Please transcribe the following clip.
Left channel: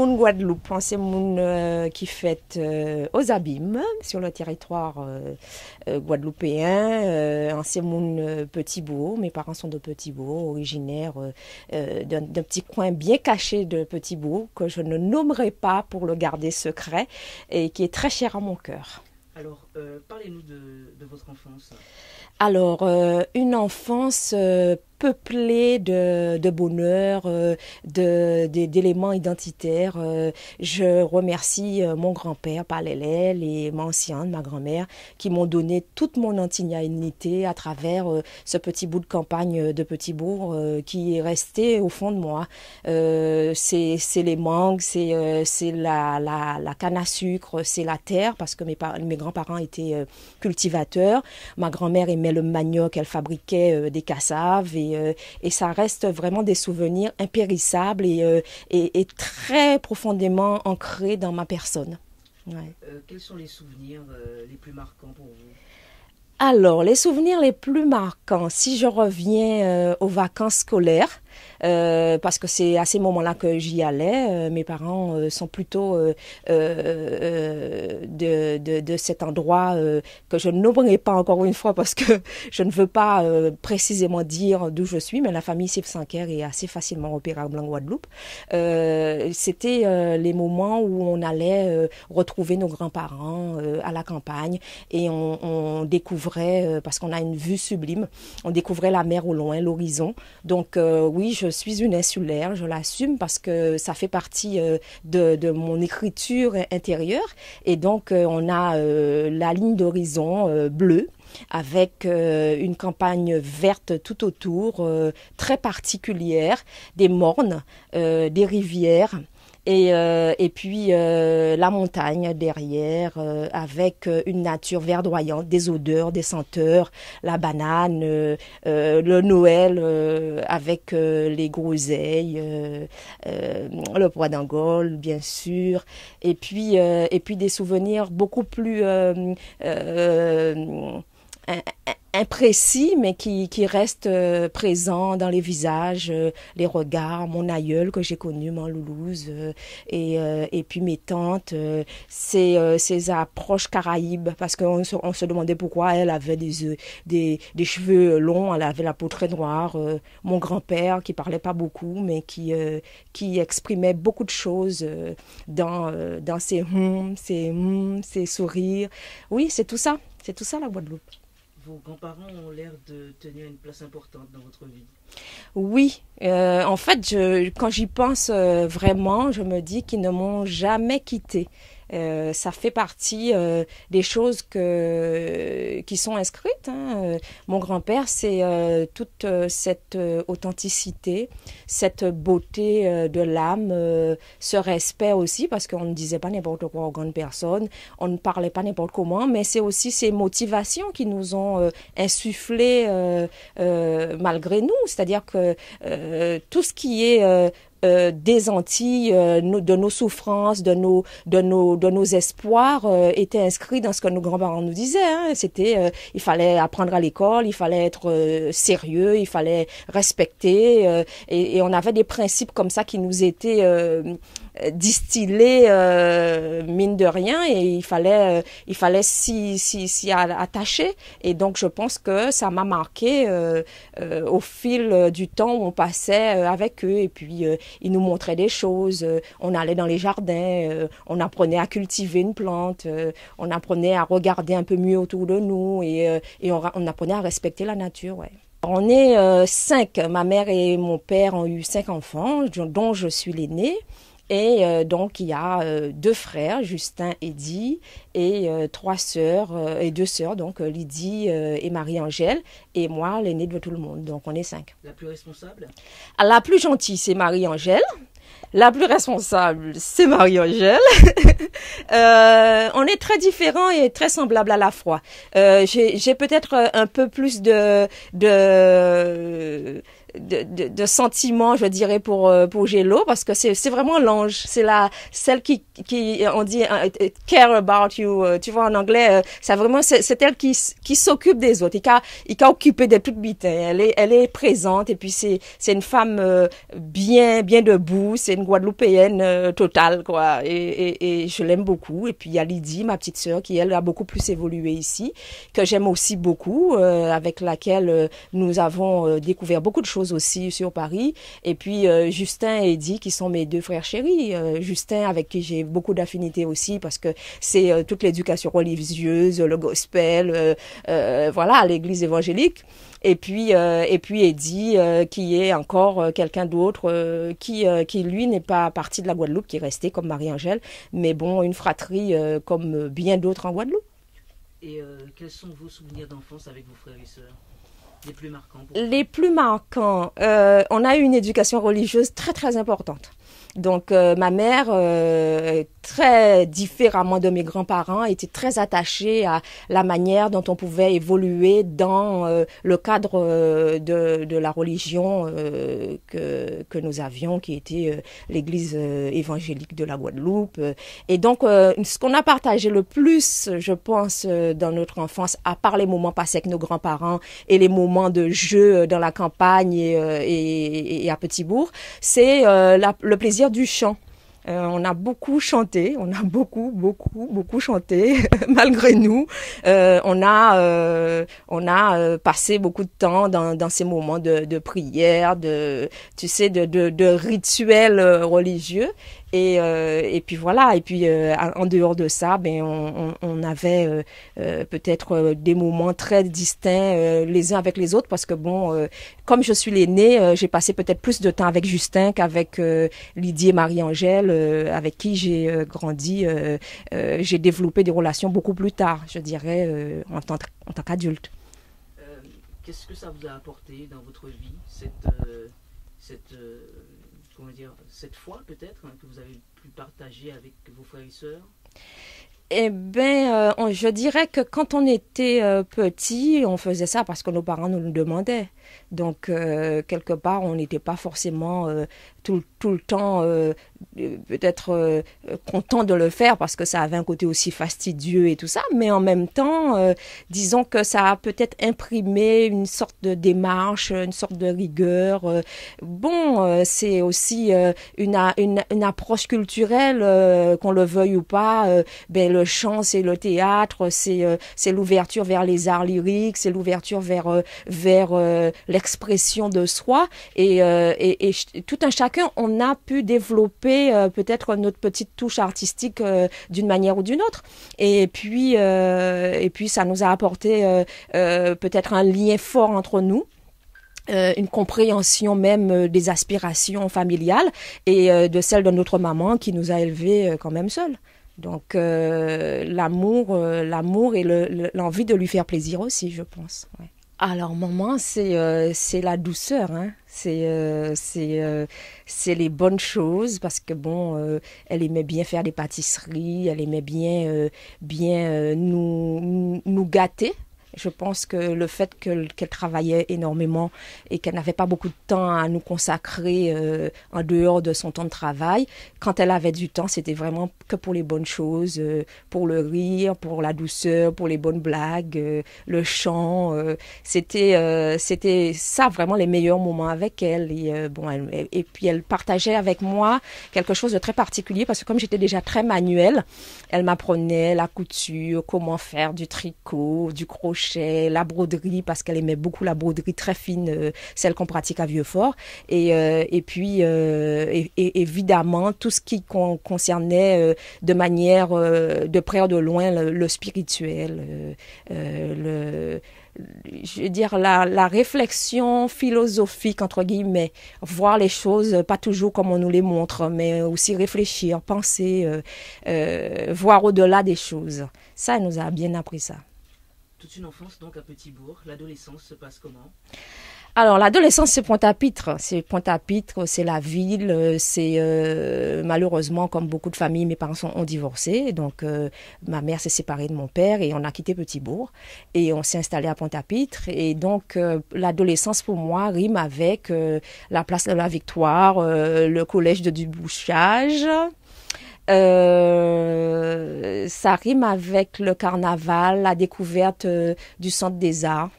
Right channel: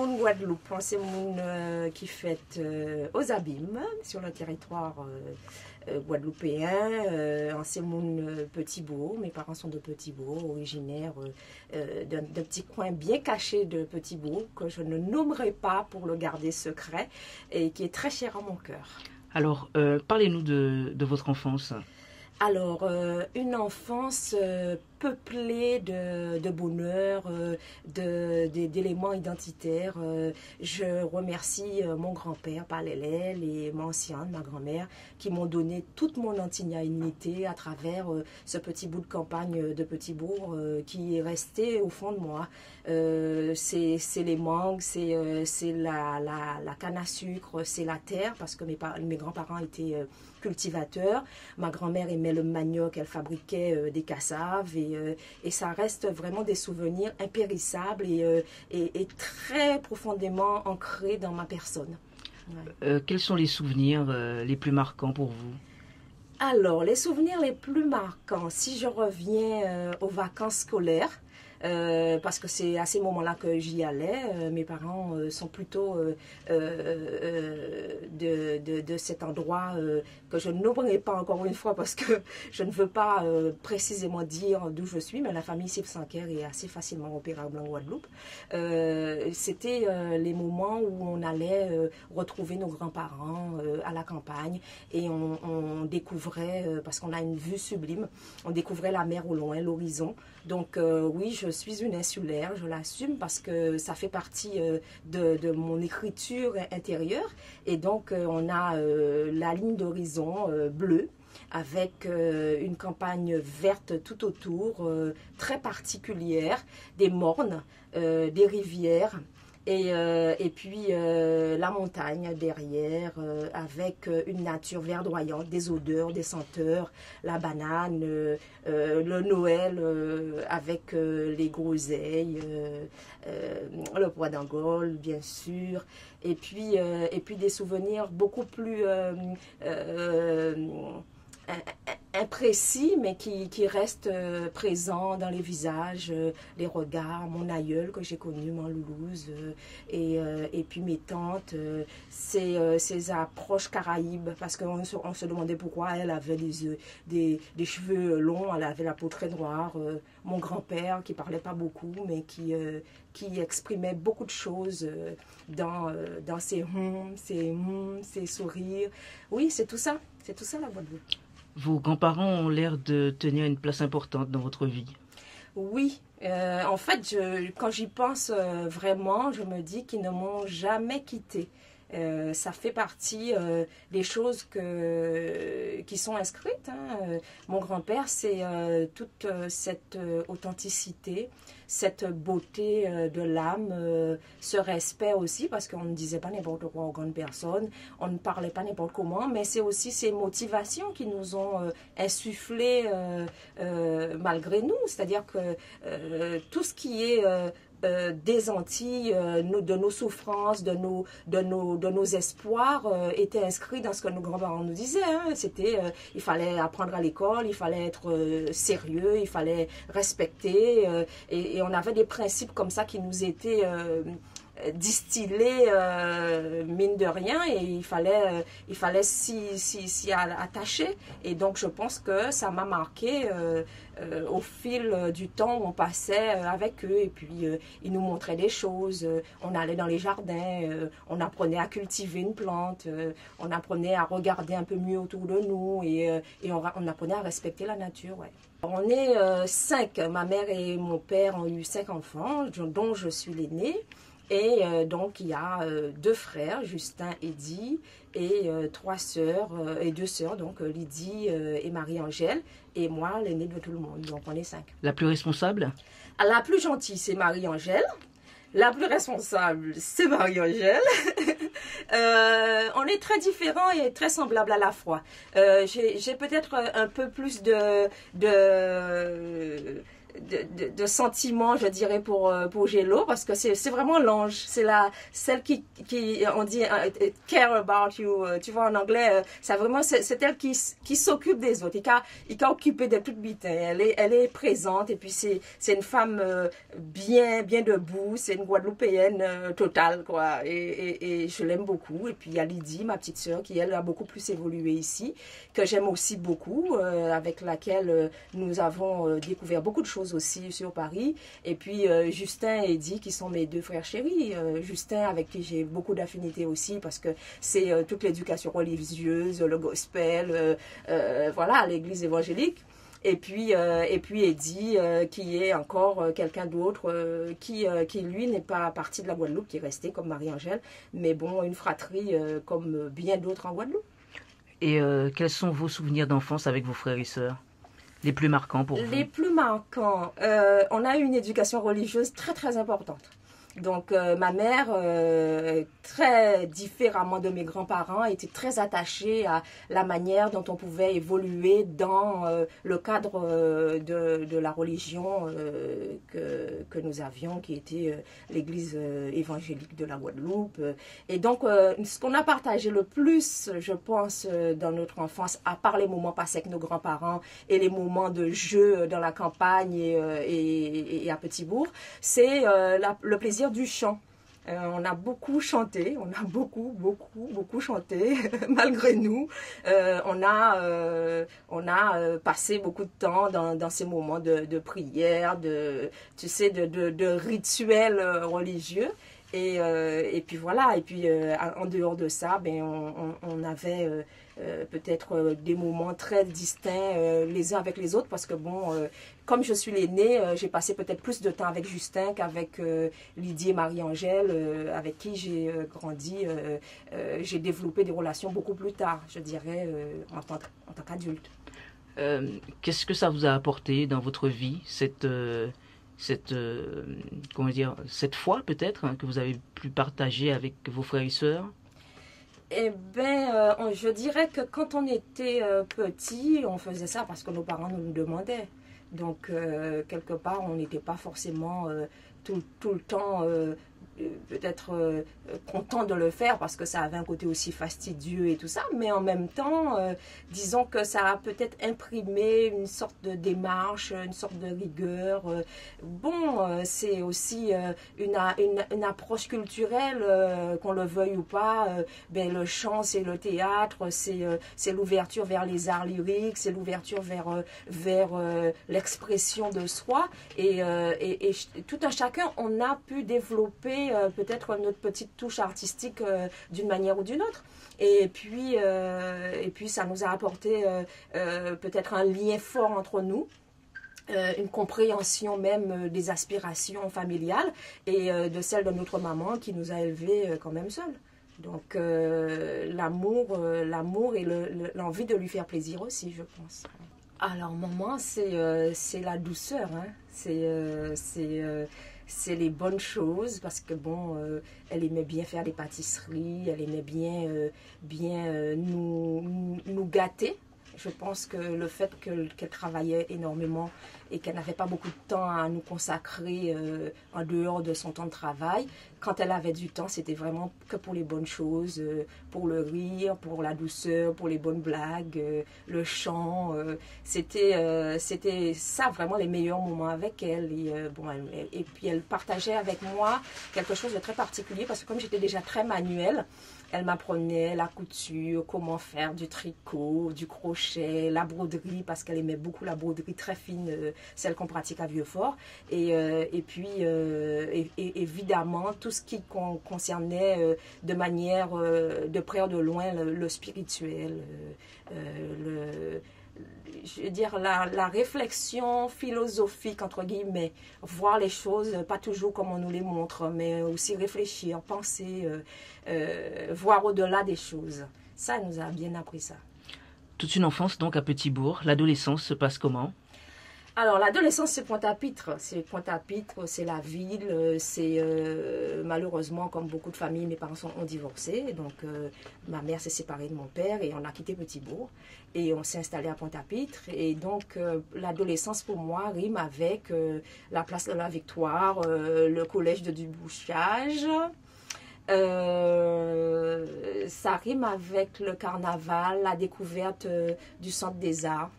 moun Guadeloupe, c'est moun qui fête aux abîmes sur le territoire guadeloupéen. C'est moun Petit-Bourg. Mes parents sont de Petit-Bourg, originaires d'un petit coin bien caché de Petit-Bourg que je ne nommerai pas pour le garder secret et qui est très cher à mon cœur. Alors, parlez-nous de votre enfance. Alors, une enfance peuplée de bonheur, d'éléments identitaires. Je remercie mon grand-père, Palélel, et ma ancienne, ma grand-mère, qui m'ont donné toute mon antignanité à travers ce petit bout de campagne de Petit-Bourg qui est resté au fond de moi. C'est les mangues, c'est la canne à sucre, c'est la terre, parce que mes grands-parents étaient cultivateurs. Ma grand-mère aimait le manioc, elle fabriquait des cassaves et ça reste vraiment des souvenirs impérissables et très profondément ancrés dans ma personne. Ouais. Quels sont les souvenirs les plus marquants pour vous? Alors, les souvenirs les plus marquants, si je reviens aux vacances scolaires, parce que c'est à ces moments-là que j'y allais. Mes parents sont plutôt de cet endroit que je ne nommerai pas encore une fois parce que je ne veux pas précisément dire d'où je suis, mais la famille Sipsanker est assez facilement repérable en Guadeloupe. C'était les moments où on allait retrouver nos grands-parents à la campagne et on découvrait, parce qu'on a une vue sublime, on découvrait la mer au loin, l'horizon. Donc oui, je suis une insulaire, je l'assume parce que ça fait partie de mon écriture intérieure. Et donc, on a la ligne d'horizon bleue avec une campagne verte tout autour, très particulière, des mornes, des rivières. Et puis la montagne derrière avec une nature verdoyante, des odeurs, des senteurs, la banane, le Noël avec les groseilles, le pois d'Angole bien sûr, et puis des souvenirs beaucoup plus imprécis, mais qui reste présent dans les visages, les regards, mon aïeul que j'ai connu, mon Loulouse, et puis mes tantes, ces approches caraïbes, parce qu'on se demandait pourquoi elle avait des cheveux longs, elle avait la peau très noire, mon grand-père qui parlait pas beaucoup, mais qui exprimait beaucoup de choses dans ses sourires. Oui, c'est tout ça la Guadeloupe. Vos grands-parents ont l'air de tenir une place importante dans votre vie. Oui, en fait, quand j'y pense vraiment, je me dis qu'ils ne m'ont jamais quittée. Ça fait partie des choses qui sont inscrites. Hein. Mon grand-père, c'est toute cette authenticité, cette beauté de l'âme, ce respect aussi, parce qu'on ne disait pas n'importe quoi aux grandes personnes, on ne parlait pas n'importe comment, mais c'est aussi ces motivations qui nous ont insufflé malgré nous. C'est-à-dire que tout ce qui est des Antilles, de nos souffrances, de nos espoirs étaient inscrits dans ce que nos grands-parents nous disaient. Hein. C'était, il fallait apprendre à l'école, il fallait être sérieux, il fallait respecter, et on avait des principes comme ça qui nous étaient distillés mine de rien, et il fallait s'y attacher. Et donc je pense que ça m'a marqué au fil du temps où on passait avec eux, et puis ils nous montraient des choses, on allait dans les jardins, on apprenait à cultiver une plante, on apprenait à regarder un peu mieux autour de nous, et on apprenait à respecter la nature. Ouais. On est 5, ma mère et mon père ont eu 5 enfants, dont je suis l'aînée. Et donc, il y a 2 frères, Justin et Eddie, et 3 sœurs, et 2 sœurs, donc Lydie et Marie-Angèle, et moi, l'aînée de tout le monde. Donc, on est 5. La plus responsable? La plus gentille, c'est Marie-Angèle. La plus responsable, c'est Marie-Angèle. On est très différents et très semblables à la fois. J'ai peut-être un peu plus de sentiments, je dirais, pour Gélo, parce que c'est vraiment l'ange. C'est celle qui on dit, care about you. Tu vois, en anglais, c'est elle qui s'occupe des autres. Il qu'a occupé des toutes bites. Elle est présente, et puis c'est une femme bien debout. C'est une Guadeloupéenne totale, quoi. Et je l'aime beaucoup. Et puis il y a Lydie, ma petite sœur, qui elle a beaucoup plus évolué ici, que j'aime aussi beaucoup, avec laquelle nous avons découvert beaucoup de choses aussi sur Paris. Et puis Justin et Eddie, qui sont mes deux frères chéris. Justin, avec qui j'ai beaucoup d'affinités aussi, parce que c'est toute l'éducation religieuse, le gospel, voilà, l'église évangélique. Et puis Eddie, qui est encore quelqu'un d'autre, qui lui n'est pas parti de la Guadeloupe, qui est resté comme Marie-Angèle, mais bon, une fratrie comme bien d'autres en Guadeloupe. Et quels sont vos souvenirs d'enfance avec vos frères et sœurs? Les plus marquants pour vous? Les plus marquants, on a eu une éducation religieuse très très importante. Donc ma mère, très différemment de mes grands-parents, était très attachée à la manière dont on pouvait évoluer dans le cadre de la religion que nous avions, qui était l'église évangélique de la Guadeloupe. Et donc ce qu'on a partagé le plus, je pense, dans notre enfance, à part les moments passés avec nos grands-parents et les moments de jeu dans la campagne et à Petit-Bourg, c'est le plaisir du chant. On a beaucoup chanté, on a beaucoup chanté, malgré nous. On a passé beaucoup de temps dans ces moments de prière, tu sais, de rituels religieux. Et puis voilà, et puis en dehors de ça, ben on avait peut-être des moments très distincts les uns avec les autres, parce que bon, comme je suis l'aînée, j'ai passé peut-être plus de temps avec Justin qu'avec Lydie et Marie-Angèle, avec qui j'ai grandi. J'ai développé des relations beaucoup plus tard, je dirais, en tant qu'adulte. Qu'est-ce que ça vous a apporté dans votre vie, comment dire, cette foi peut-être, hein, que vous avez pu partager avec vos frères et sœurs? Eh bien, je dirais que quand on était petit, on faisait ça parce que nos parents nous le demandaient. Donc, quelque part, on n'était pas forcément tout le temps peut-être content de le faire, parce que ça avait un côté aussi fastidieux et tout ça, mais en même temps, disons que ça a peut-être imprimé une sorte de démarche, une sorte de rigueur. C'est aussi une approche culturelle, qu'on le veuille ou pas. Ben, le chant, c'est le théâtre, c'est l'ouverture vers les arts lyriques, c'est l'ouverture vers l'expression de soi, et tout un chacun, on a pu développer peut-être notre petite touche artistique d'une manière ou d'une autre, et puis ça nous a apporté peut-être un lien fort entre nous, une compréhension même des aspirations familiales et de celles de notre maman, qui nous a élevés quand même seuls. Donc l'amour et l'envie de lui faire plaisir aussi, je pense. Ouais. Alors maman, c'est la douceur, hein. C'est les bonnes choses, parce que bon, elle aimait bien faire des pâtisseries, elle aimait bien nous gâter. Je pense que le fait qu'elle travaillait énormément et qu'elle n'avait pas beaucoup de temps à nous consacrer en dehors de son temps de travail, quand elle avait du temps, c'était vraiment que pour les bonnes choses, pour le rire, pour la douceur, pour les bonnes blagues, le chant. C'était ça vraiment les meilleurs moments avec elle. Et puis elle partageait avec moi quelque chose de très particulier, parce que comme j'étais déjà très manuelle, elle m'apprenait la couture, comment faire du tricot, du crochet, la broderie, parce qu'elle aimait beaucoup la broderie très fine, celle qu'on pratique à Vieux-Fort. Et puis, évidemment, tout ce qui concernait de manière de près ou de loin le spirituel, je veux dire, la réflexion philosophique, entre guillemets, voir les choses pas toujours comme on nous les montre, mais aussi réfléchir, penser, voir au-delà des choses. Ça, elle nous a bien appris ça. Toute une enfance donc à Petit-Bourg. L'adolescence se passe comment? Alors, l'adolescence, c'est Pointe-à-Pitre. C'est Pointe-à-Pitre, c'est la ville. Malheureusement, comme beaucoup de familles, mes parents ont divorcé. Donc, ma mère s'est séparée de mon père et on a quitté Petit-Bourg. Et on s'est installé à Pointe-à-Pitre. Et donc, l'adolescence, pour moi, rime avec la place de la Victoire, le collège de Dubouchage. Ça rime avec le carnaval, la découverte du centre des arts.